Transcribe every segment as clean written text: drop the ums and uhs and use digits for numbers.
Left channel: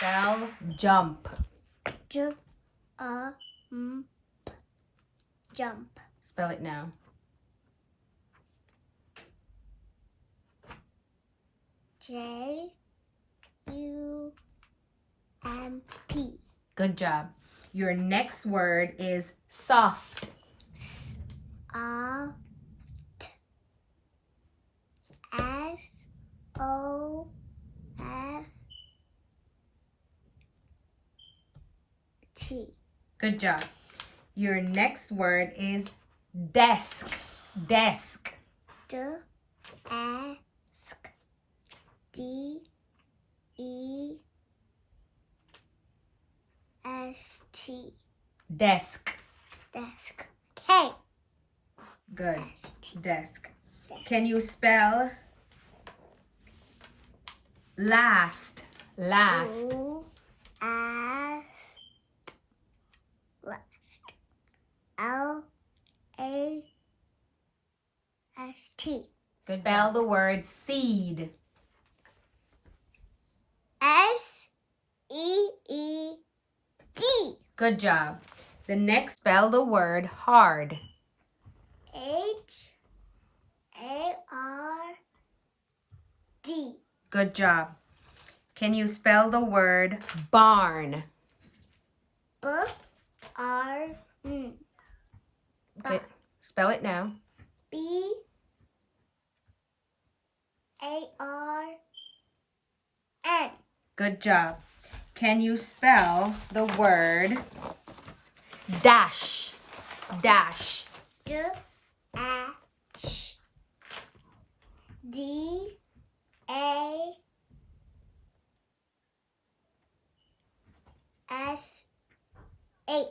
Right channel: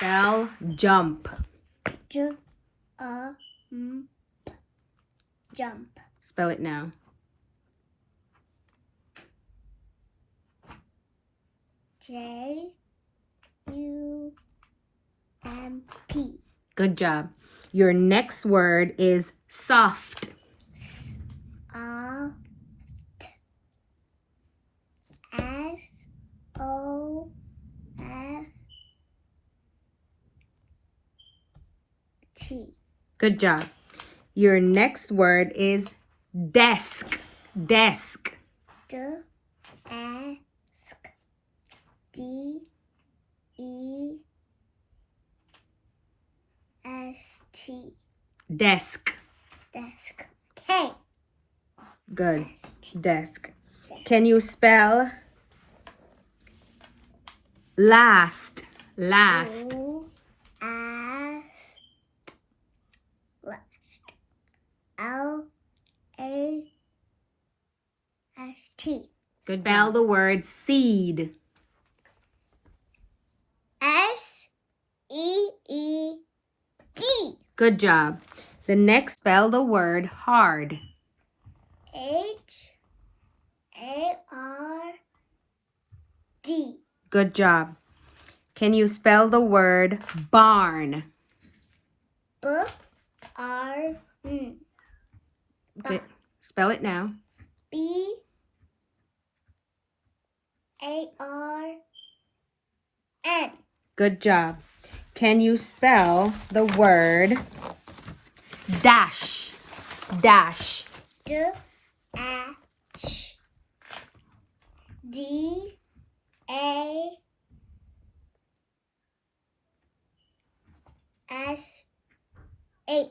Spell jump. Jump. Spell it now. J-U-M-P. Good job. Your next word is soft. Soft. S-O-F-T. Good job. Your next word is desk. Desk. Desk. D-E-S-T. Desk. Desk. Okay. Good. Desk. Desk. Can you spell last? Last. Last. L-A-S-T. Good. Spell the word seed. S-E-E-D. Good job. The next, spell the word hard. H-A-R-D. Good job. Can you spell the word barn? B-R-N. Okay. Spell it now. B-A-R-N. Good job. Can you spell the word dash? Dash. D-A-H. D-A-S-H.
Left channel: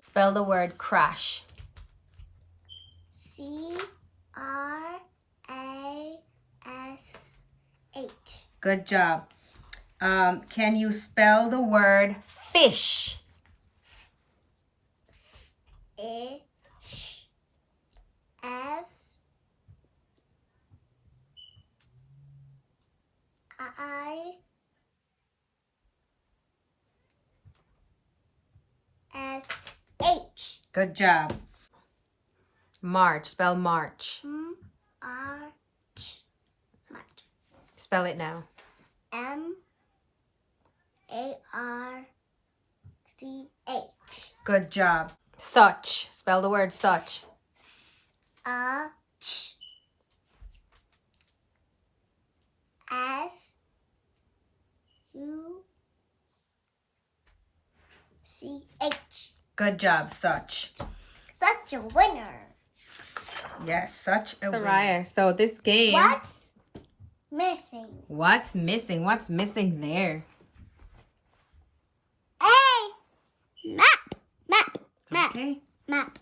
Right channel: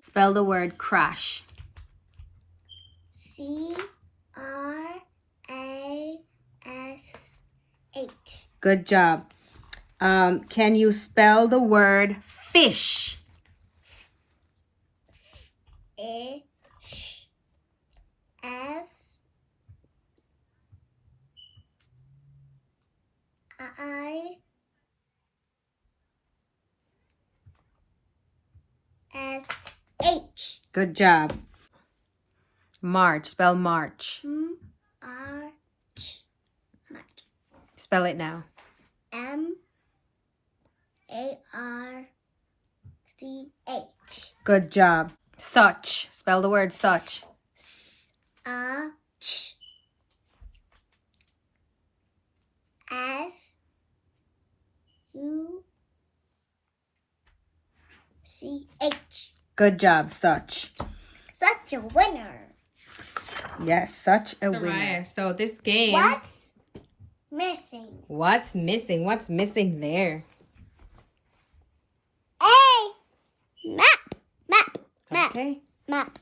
Spell the word crash. C-R-A-S-H. Good job. Can you spell the word fish? Fish. F. I. S. H. Good job. March. Spell March. M-R-C. Spell it now. M-A-R-C-H. Good job. Such. Spell the word such. S-A-C-H. S-U-C-H. Good job, such. Such a winner. Yes, such a winner. So this game. What's missing? What's missing? What's missing there? A. Map. Map. Map. Okay. Map.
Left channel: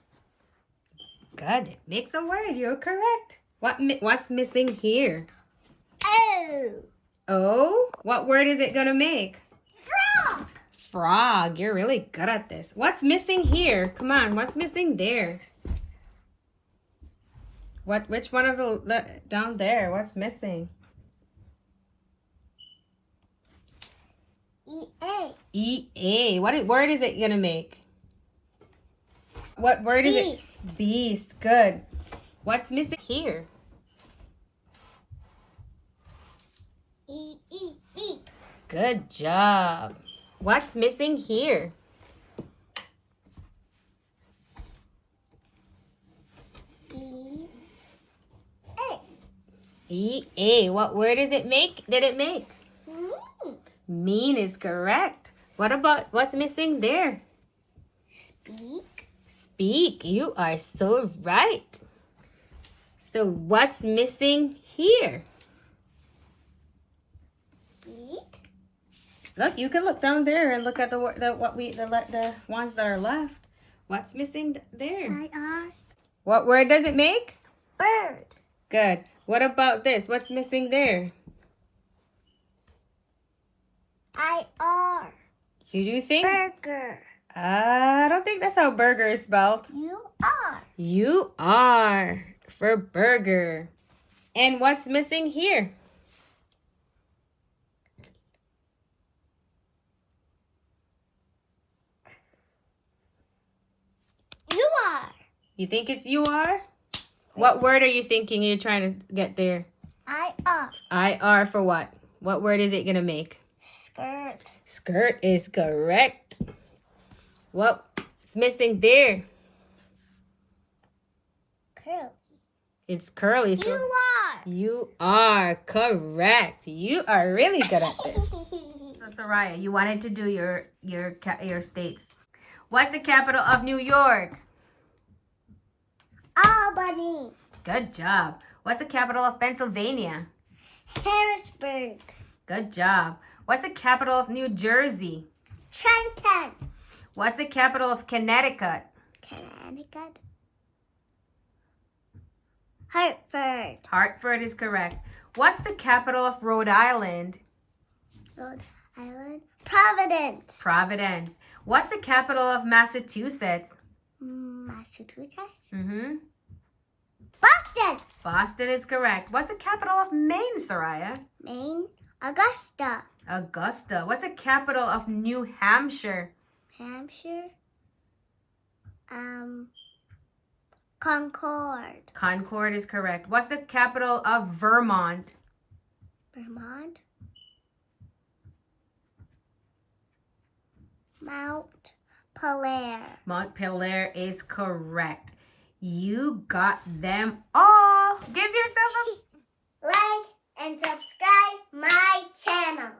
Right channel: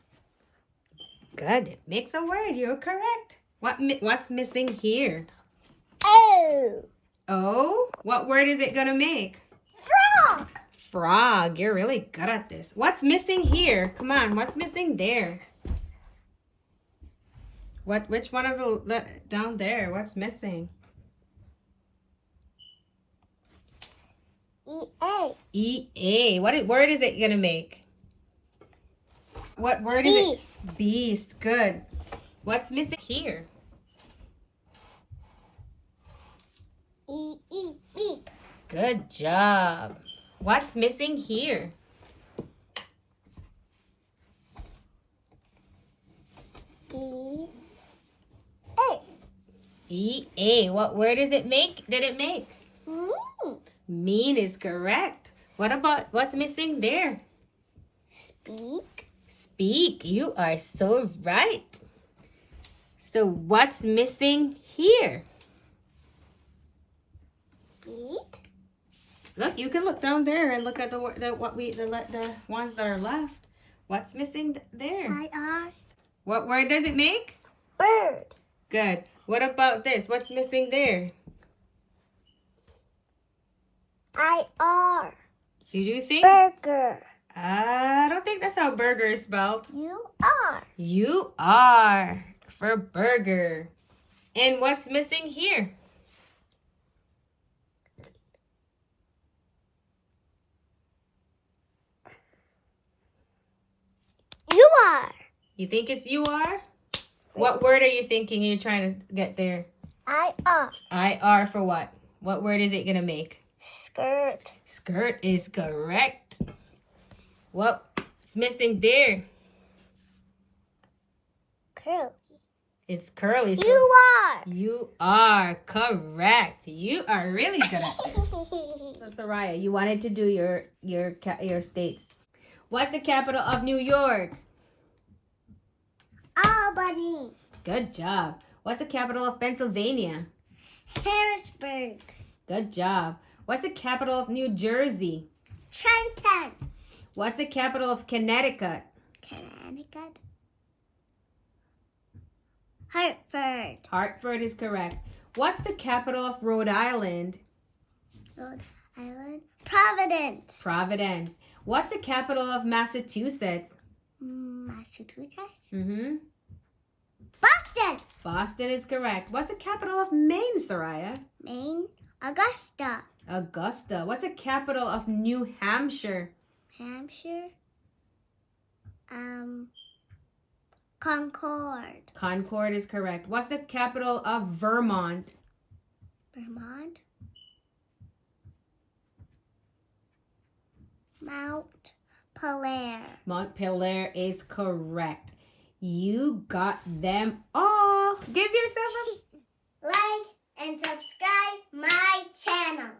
Good. Make some word. You're correct. What's missing here? Oh. Oh? What word is it gonna make? Frog. Frog. You're really good at this. What's missing here? Come on. What's missing there? Which one of the down there? What's missing? E-A. E-A. What word is it gonna make? What word is it? Beast. Good. What's missing here? E-E. Beep. Good job. What's missing here? E-A. E-A. What word does it make? Did it make? Mean. Mean is correct. What about what's missing there? Speak. Speak. You are so right. So what's missing here? Speak. Look, you can look down there and look at the ones that are left. What's missing there? I-R. What word does it make? Bird. Good. What about this? What's missing there? I-R. You do think? Burger. I don't think that's how burger is spelled. You are. You are for burger. And what's missing here? You think it's you are? What word are you thinking you're trying to get there? I-R. I-R for what? What word is it going to make? Skirt. Skirt is correct. What's missing there? Curly. It's curly. So You are. you are correct. You are really good at this. So Soraya, you wanted to do your states. What's the capital of New York? Albany. Good job. What's the capital of Pennsylvania? Harrisburg. Good job. What's the capital of New Jersey? Trenton. What's the capital of Connecticut? Connecticut. Hartford. Hartford is correct. What's the capital of Rhode Island? Rhode Island. Providence. Providence. What's the capital of Massachusetts? Massachusetts. Boston. Boston. Boston is correct. What's the capital of Maine, Soraya? Maine. Augusta. Augusta. What's the capital of New Hampshire? Hampshire. Concord. Concord is correct. What's the capital of Vermont? Vermont. Mount Pelair. Montpelier is correct. You got them all. Give yourself a Like and subscribe my channel.